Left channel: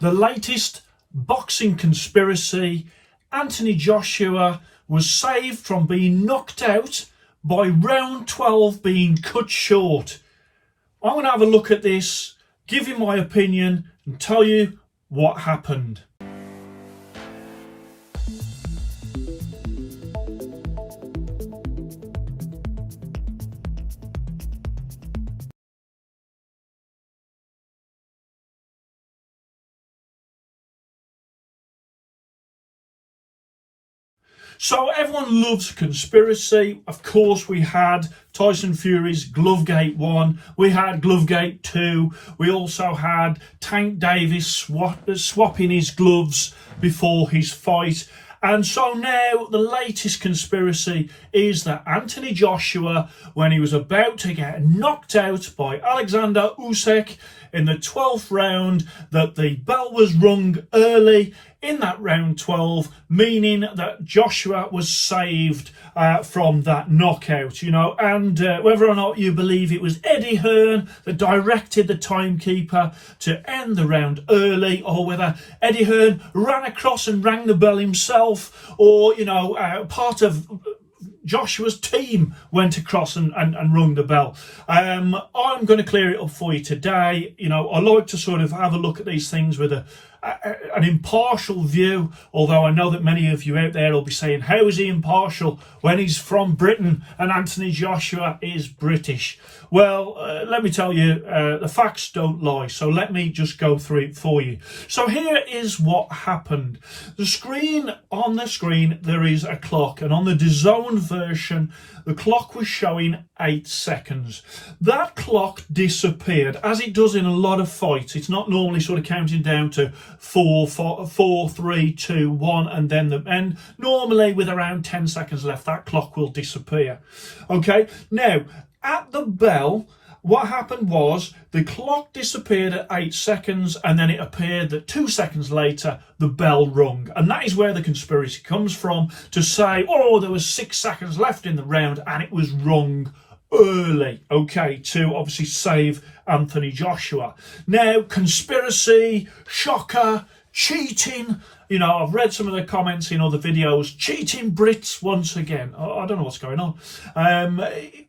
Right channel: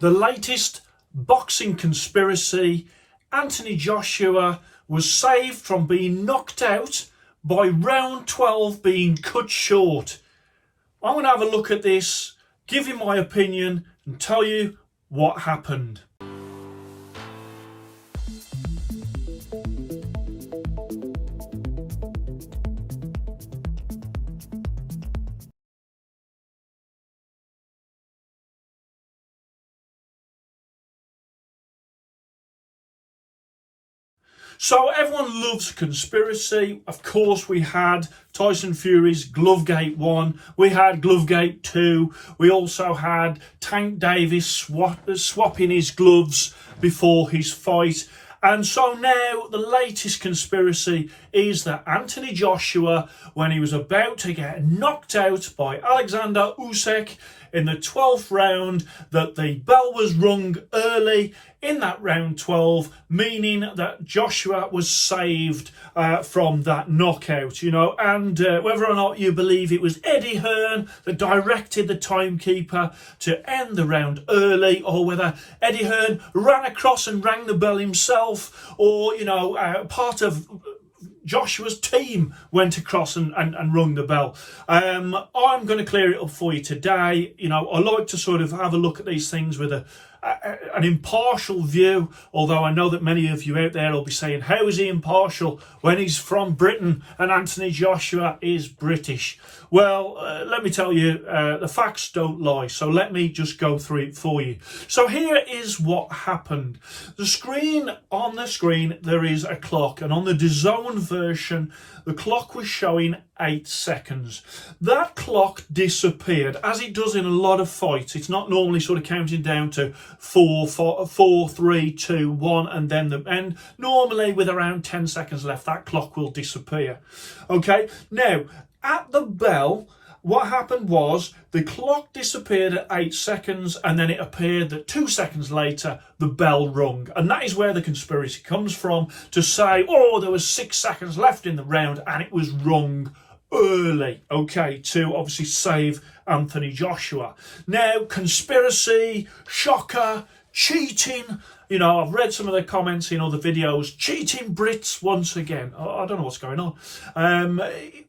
The latest boxing conspiracy: Anthony Joshua was saved from being knocked out by round 12 being cut short. I'm going to have a look at this, give you my opinion and tell you what happened. So everyone loves conspiracy. Of course, we had Tyson Fury's Glovegate 1, we had Glovegate 2, we also had Tank Davis swapping his gloves before his fight. And so now the latest conspiracy is that Anthony Joshua, when he was about to get knocked out by Alexander Usyk in the 12th round, that the bell was rung early in that round 12, meaning that Joshua was saved from that knockout, and whether or not you believe it was Eddie Hearn that directed the timekeeper to end the round early, or whether Eddie Hearn ran across and rang the bell himself, or part of Joshua's team went across and rung the bell. I'm going to clear it up for you today. I like to sort of have a look at these things with an impartial view, although I know that many of you out there will be saying, how is he impartial when he's from Britain and Anthony Joshua is British? Well, let me tell you, the facts don't lie, so let me just go through it for you. So here is what happened. On the screen there is a clock, and on the DAZN version the clock was showing 8 seconds. That clock disappeared, as it does in a lot of fights. It's not normally sort of counting down to 4, 3, 2, 1 and then the end. Normally with around 10 seconds left, that clock will disappear. Okay, now at the bell, what happened was the clock disappeared at 8 seconds, and then it appeared that 2 seconds later the bell rung. And that is where the conspiracy comes from, to say, oh, there was 6 seconds left in the round and it was rung early, okay, to obviously save Anthony Joshua. Now, conspiracy, shocker, cheating. I've read some of the comments in other videos. Cheating Brits once again. I don't know what's going on.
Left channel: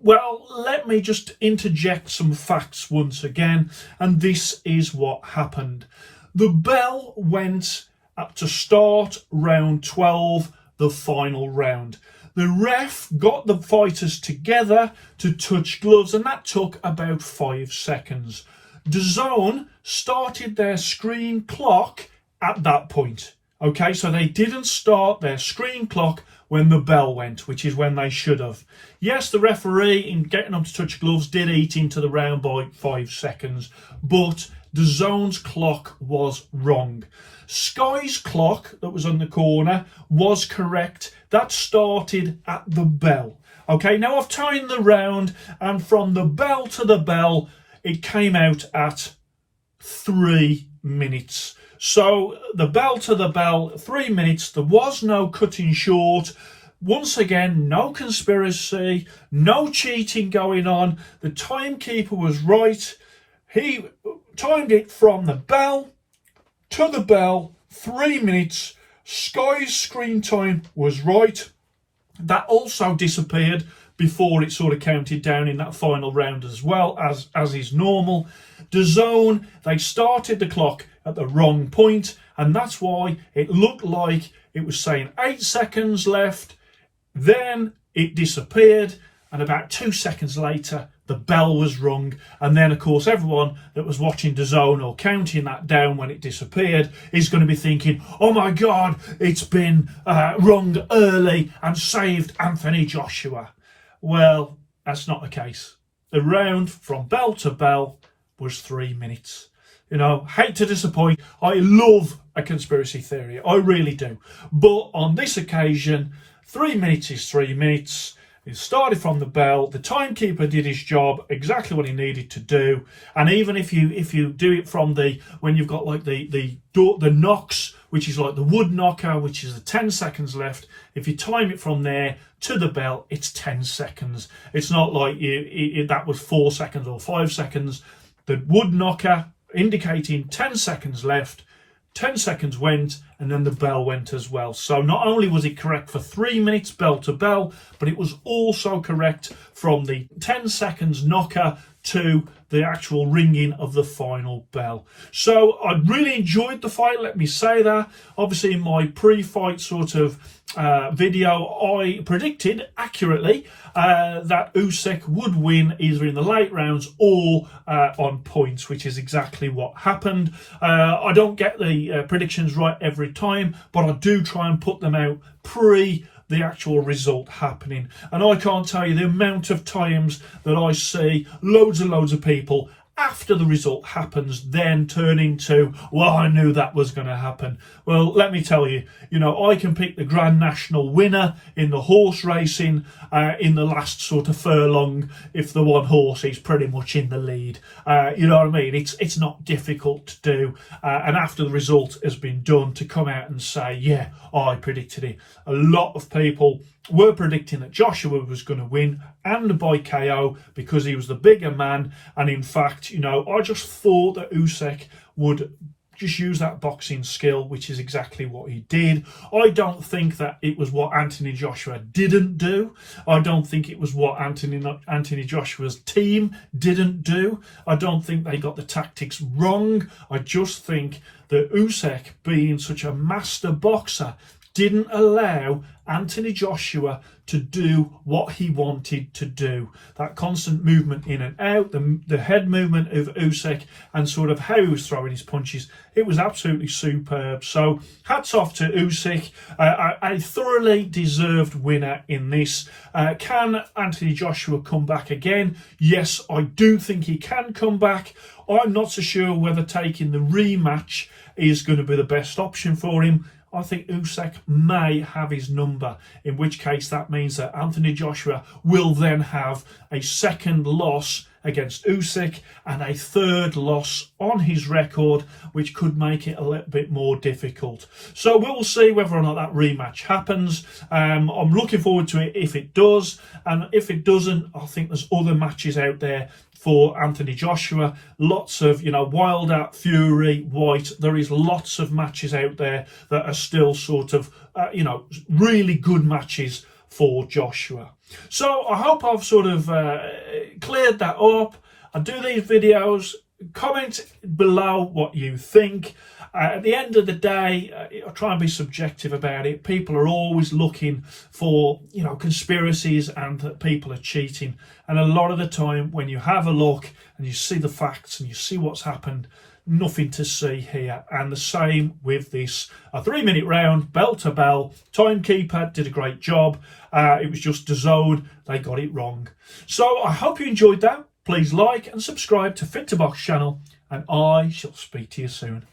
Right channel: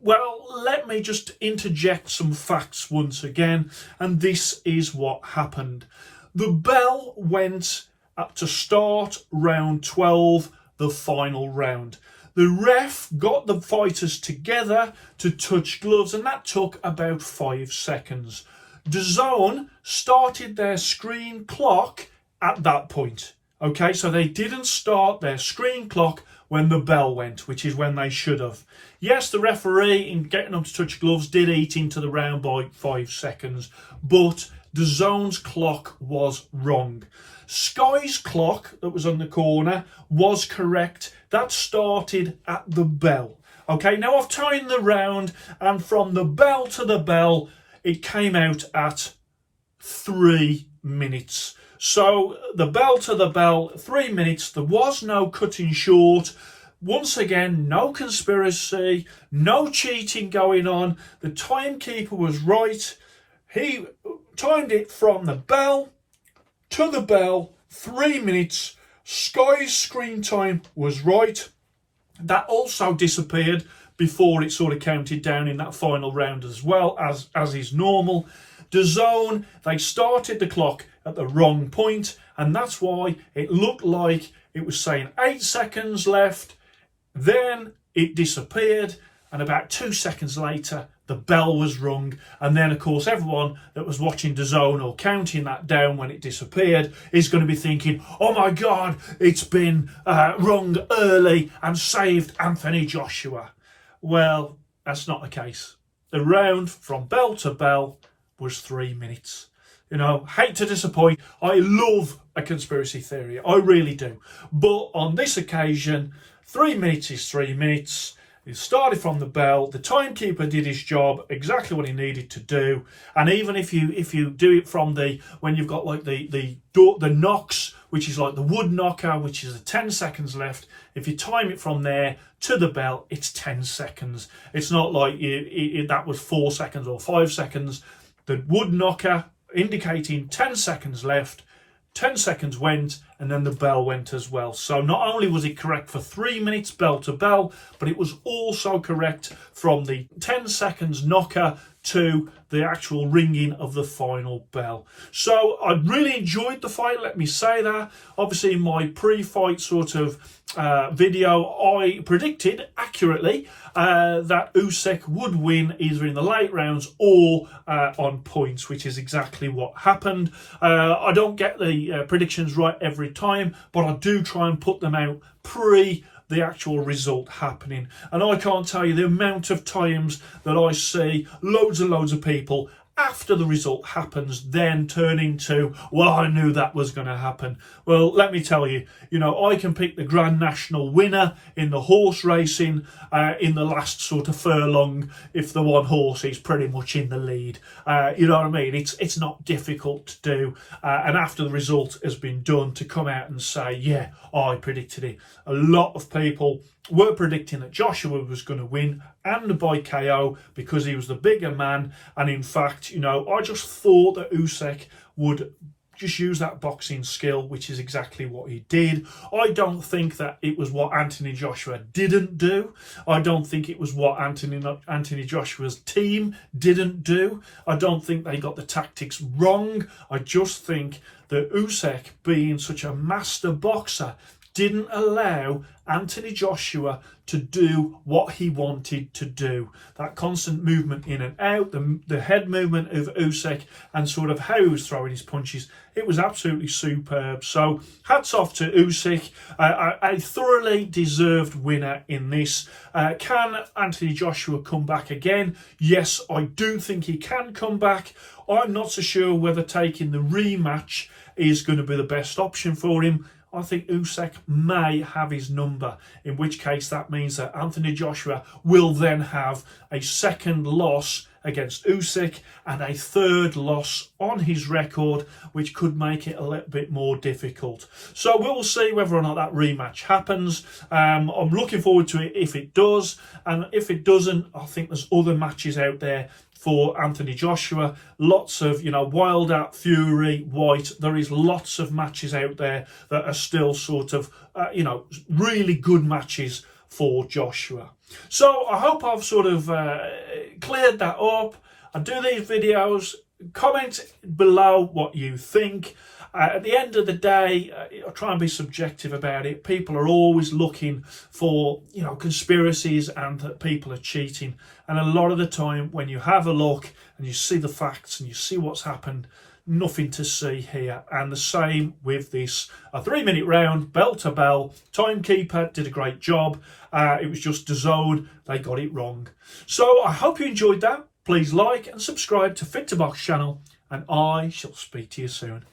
Well, let me just interject some facts once again. And this is what happened. The bell went up to start round 12, the final round. The ref got the fighters together to touch gloves, and that took about 5 seconds. DAZN started their screen clock at that point. Okay, so they didn't start their screen clock when the bell went, which is when they should have. Yes, the referee, in getting them to touch gloves, did eat into the round by 5 seconds, but DAZN's clock was wrong. Sky's clock that was on the corner was correct. That started at the bell. Okay, now I've timed the round, and from the bell to the bell, it came out at 3 minutes. So the bell to the bell, 3 minutes. There was no cutting short. Once again, no conspiracy, no cheating going on. The timekeeper was right. He timed it from the bell to the bell, 3 minutes. Sky's screen time was right. That also disappeared before it sort of counted down in that final round as well, as is normal. DAZN, they started the clock at the wrong point, and that's why it looked like it was saying 8 seconds left. Then it disappeared, and about 2 seconds later the bell was rung. And then of course everyone that was watching DAZN or counting that down when it disappeared is going to be thinking, oh my god, it's been rung early and saved Anthony Joshua. Well, that's not the case. The round from bell to bell was 3 minutes. Hate to disappoint. I love a conspiracy theory. I really do. But on this occasion, 3 minutes is 3 minutes. It started from the bell. The timekeeper did his job, exactly what he needed to do. And even if you do it from when you've got like the knocks, which is like the wood knocker, which is the 10 seconds left. If you time it from there to the bell, it's 10 seconds. It's not like that was 4 seconds or 5 seconds. The wood knocker indicating 10 seconds left. 10 seconds went, and then the bell went as well. So not only was it correct for 3 minutes bell to bell, but it was also correct from the 10 seconds knocker to the actual ringing of the final bell. So I really enjoyed the fight, let me say that. Obviously in my pre-fight sort of video, I predicted accurately that Usyk would win either in the late rounds or on points, which is exactly what happened. I don't get the predictions right every time, but I do try and put them out pre the actual result happening. And I can't tell you the amount of times that I see loads and loads of people after the result happens then turn into, well, I knew that was going to happen. Well, let me tell you, I can pick the Grand National winner in the horse racing in the last sort of furlong if the one horse is pretty much in the lead. You know what I mean? It's not difficult to do. And after the result has been done, to come out and say, yeah, I predicted it. A lot of people were predicting that Joshua was going to win, and by KO, because he was the bigger man. And in fact, I just thought that Usyk would just use that boxing skill, which is exactly what he did. I don't think that it was what Anthony Joshua didn't do. I don't think it was what Anthony Joshua's team didn't do. I don't think they got the tactics wrong. I just think that Usyk, being such a master boxer, didn't allow Anthony Joshua to do what he wanted to do. That constant movement in and out, the head movement of Usyk, and sort of how he was throwing his punches, it was absolutely superb. So hats off to Usyk, a thoroughly deserved winner in this. Can Anthony Joshua come back again? Yes, I do think he can come back. I'm not so sure whether taking the rematch is going to be the best option for him. I think Usyk may have his number, in which case that means that Anthony Joshua will then have a second loss against Usyk and a third loss on his record, which could make it a little bit more difficult. So we'll see whether or not that rematch happens. I'm looking forward to it if it does, and if it doesn't, I think there's other matches out there for Anthony Joshua. Lots of, Wilder, Fury, White. There is lots of matches out there that are still sort of, really good matches for Joshua. So I hope I've sort of cleared that up. I do these videos. Comment below what you think. At the end of the day, I try and be subjective about it. People are always looking for, conspiracies and that people are cheating. And a lot of the time, when you have a look and you see the facts and you see what's happened, nothing to see here. And the same with this. A 3-minute round, bell to bell. Timekeeper did a great job. It was just DAZN. They got it wrong. So I hope you enjoyed that. Please like and subscribe to Fit to Box channel, and I shall speak to you soon.